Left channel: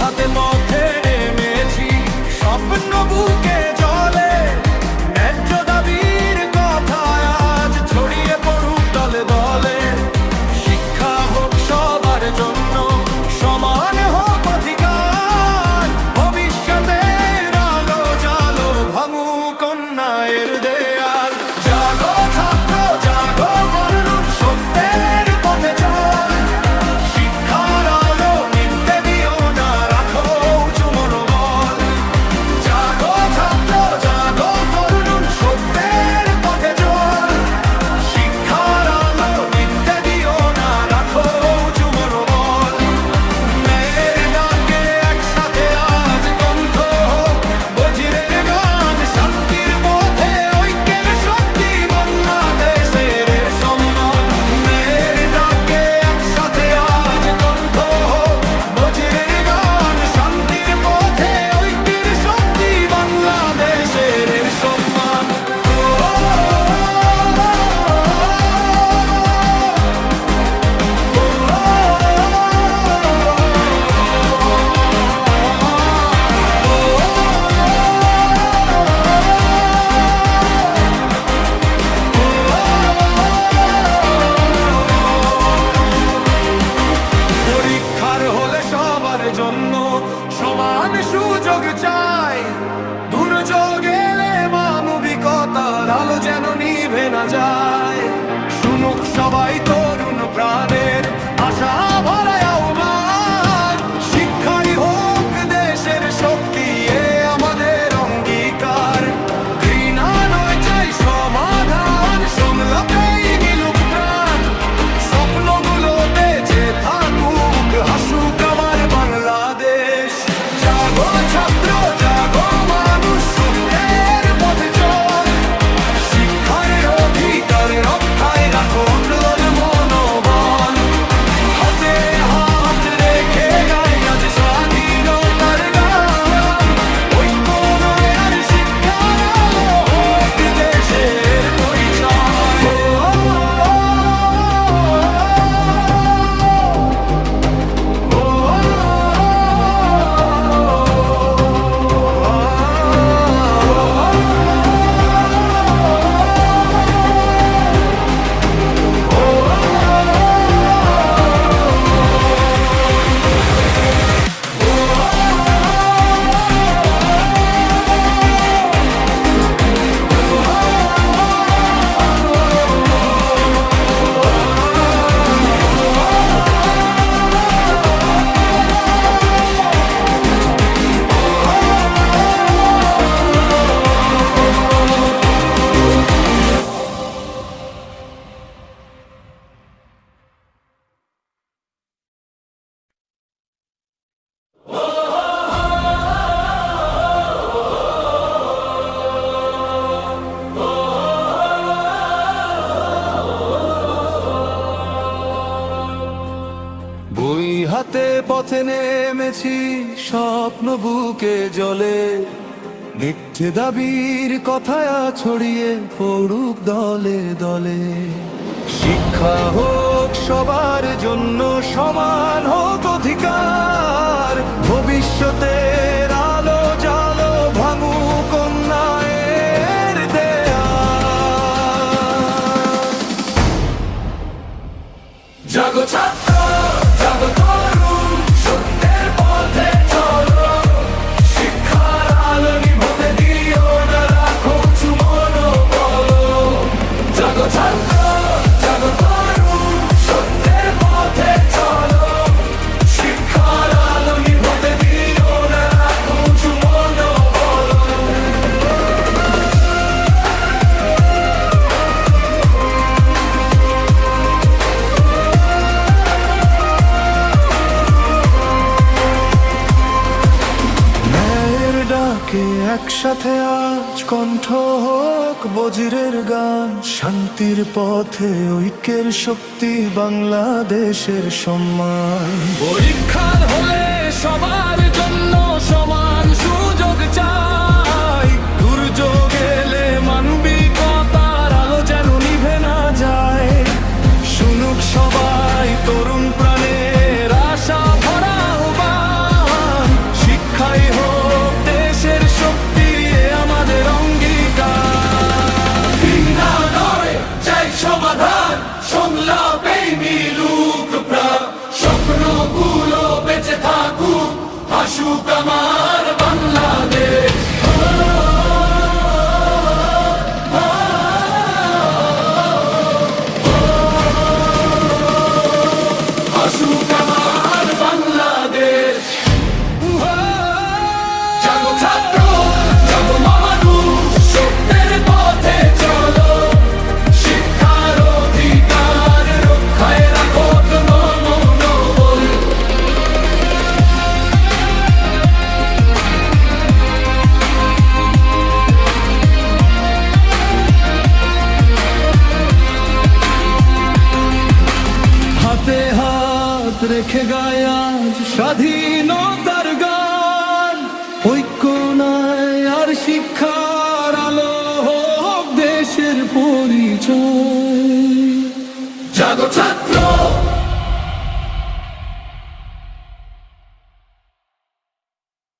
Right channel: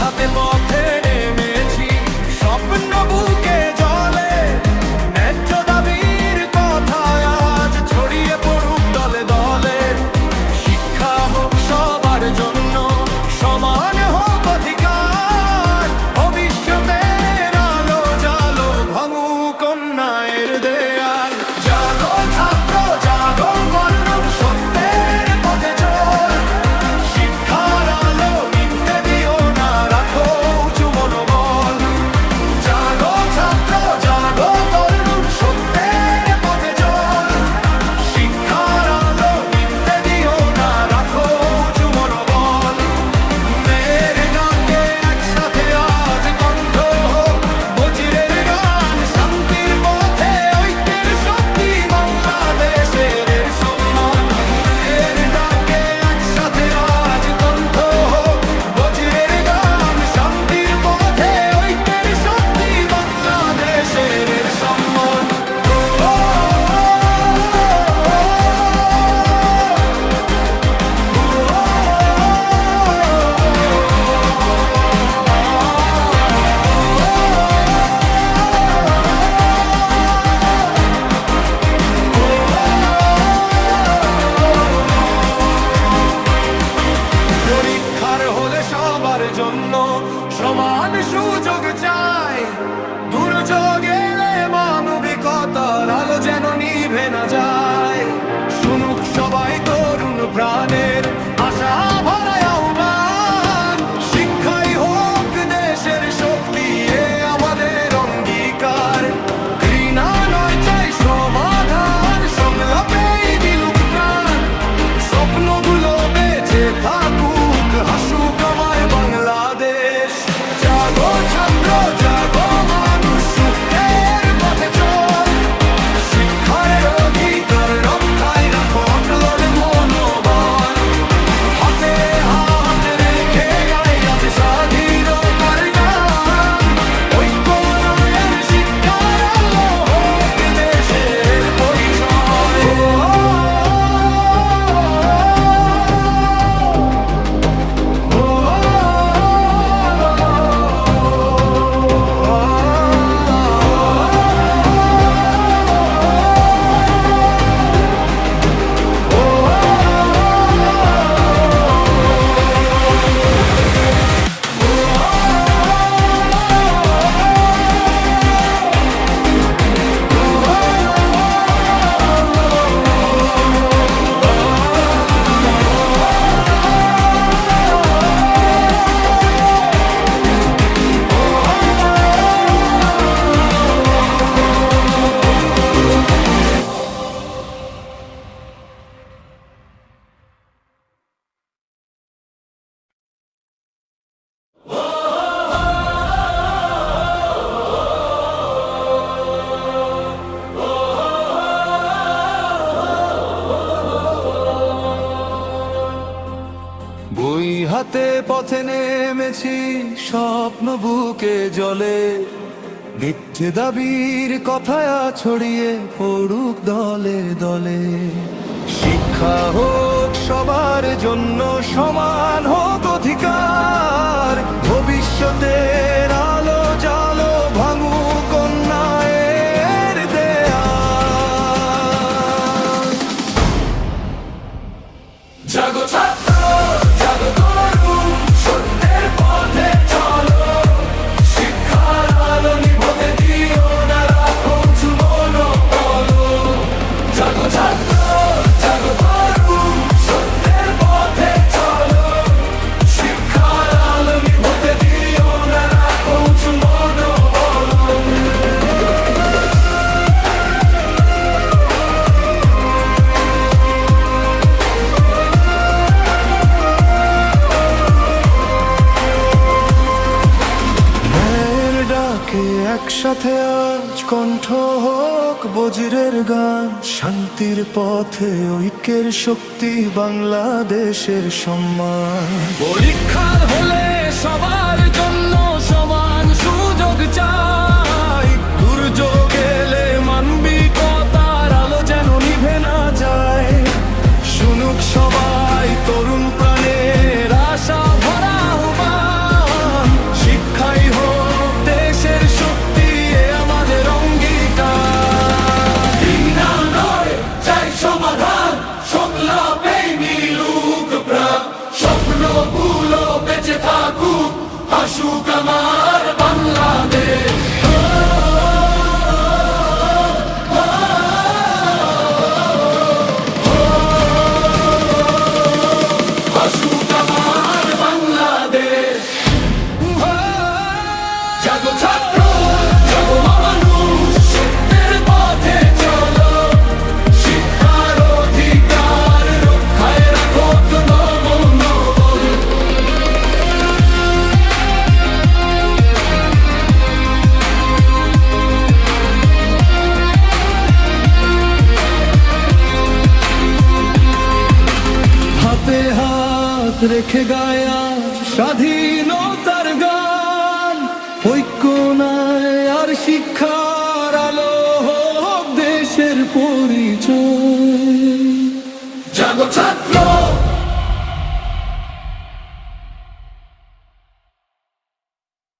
হাতে পথে নেমেছি, স্বপ্ন বুকে জলে, ন্যায্য দাবির কথায় আজ ছড়িয়ে পড়ুক দলে দলে। শিক্ষা হোক সবার জন্য, সমান হোক অধিকার, ভবিষ্যতের আলো জালো ভাঙুক অন্যায়ের দেয়াল। জাগো ছাত্র জাগো, বলুন সত্যের পথে চল, শিক্ষার আলো নিভতে দিও না, রাখো উঁচু মনোবল। জাগো ছাত্র জাগো, তরুণ সত্যের পথে চল, শিক্ষার আলো নিভতে দিও না, রাখো উঁচু মনোবল। ন্যায়ের ডাকে একসাথে আজ কণ্ঠ হোক বজিরের গান, শান্তির পথে ঐক্যের শক্তি বাংলাদেশের সম্মান। ন্যায়ের ডাকে একসাথে আজ কণ্ঠ হোক বজিরের গান, শান্তির পথে ঐক্যের শক্তি বাংলাদেশের সম্মান। পরীক্ষার হলে সবার জন্য সমান সুযোগ চাই, দুর্যোগ এলে মানবিকতার আলো যেন নিভে না যায়। শুনুক সবাই তরুণ প্রাণের আশা ভরা আহ্বান, শিক্ষাই হোক দেশের শক্তি, এ আমাদের অঙ্গীকার। ঘৃণা নয় চাই সমাধান, সংলাপেই মিলুক প্রাণ, স্বপ্নগুলো বেঁচে থাকুক, হাসুক আমার বাংলাদেশ। জাগো ছাত্র জাগো, মানুষ সুখের পথে চল, শিক্ষার অধিকার রক্ষায় রাখো অটল মনোবল। হাতে হাত রেখে গাই আজ স্বাধীনতার গান, ঐক্য নয় আর শিক্ষার আলো হোক দেশের পরিচয়। বই হাতে পথে নেমেছি, স্বপ্ন বুকে জলে, মিথ্যে দাবির কথায় ছড়িয়ে পড়ুক দলে দলে। শিক্ষা হোক সবার জন্য, সমান হোক অধিকার, ভবিষ্যতের আলো জালো ভাঙুক অন্যায়ের দেয়াল। জাগো ছাত্র জাগো, তরুণ সত্যের পথে চলো, শিক্ষার আলো নিভতে দিও না, রাখো উঁচু মনোবল। জাগো ছাত্র জাগো, তরুণ সত্যের পথে চলো, শিক্ষার আলো নিভতে দিও না, রাখো উঁচু মনোবল। ডাকে একসাথে আজ কণ্ঠ হোক বজিরের গান, শান্তির পথে ঐক্যের শক্তি বাংলাদেশের সম্মান। পরীক্ষার হলে সবার জন্য সমান সুযোগ চাই, দুর্যোগ এলে মানবিকতার আলো যেন নিভে না যায়। শুনুক সবাই তরুণ প্রাণের আশা ভরা আহ্বান, আসুক আমার বাংলাদেশ। আসুক আমার বাংলাদেশ। জাগো ছাত্র, জাগো মানুষ, সত্যের পথে চলো। শিক্ষার অধিকার রক্ষায় রাখো মনোবল। হাতে হাত রেখে গায় আজ স্বাধীনতার গান। ঐক্য নাই আর শিক্ষার আলো হোক দেশের পরিচয়। জাগো ছাত্র,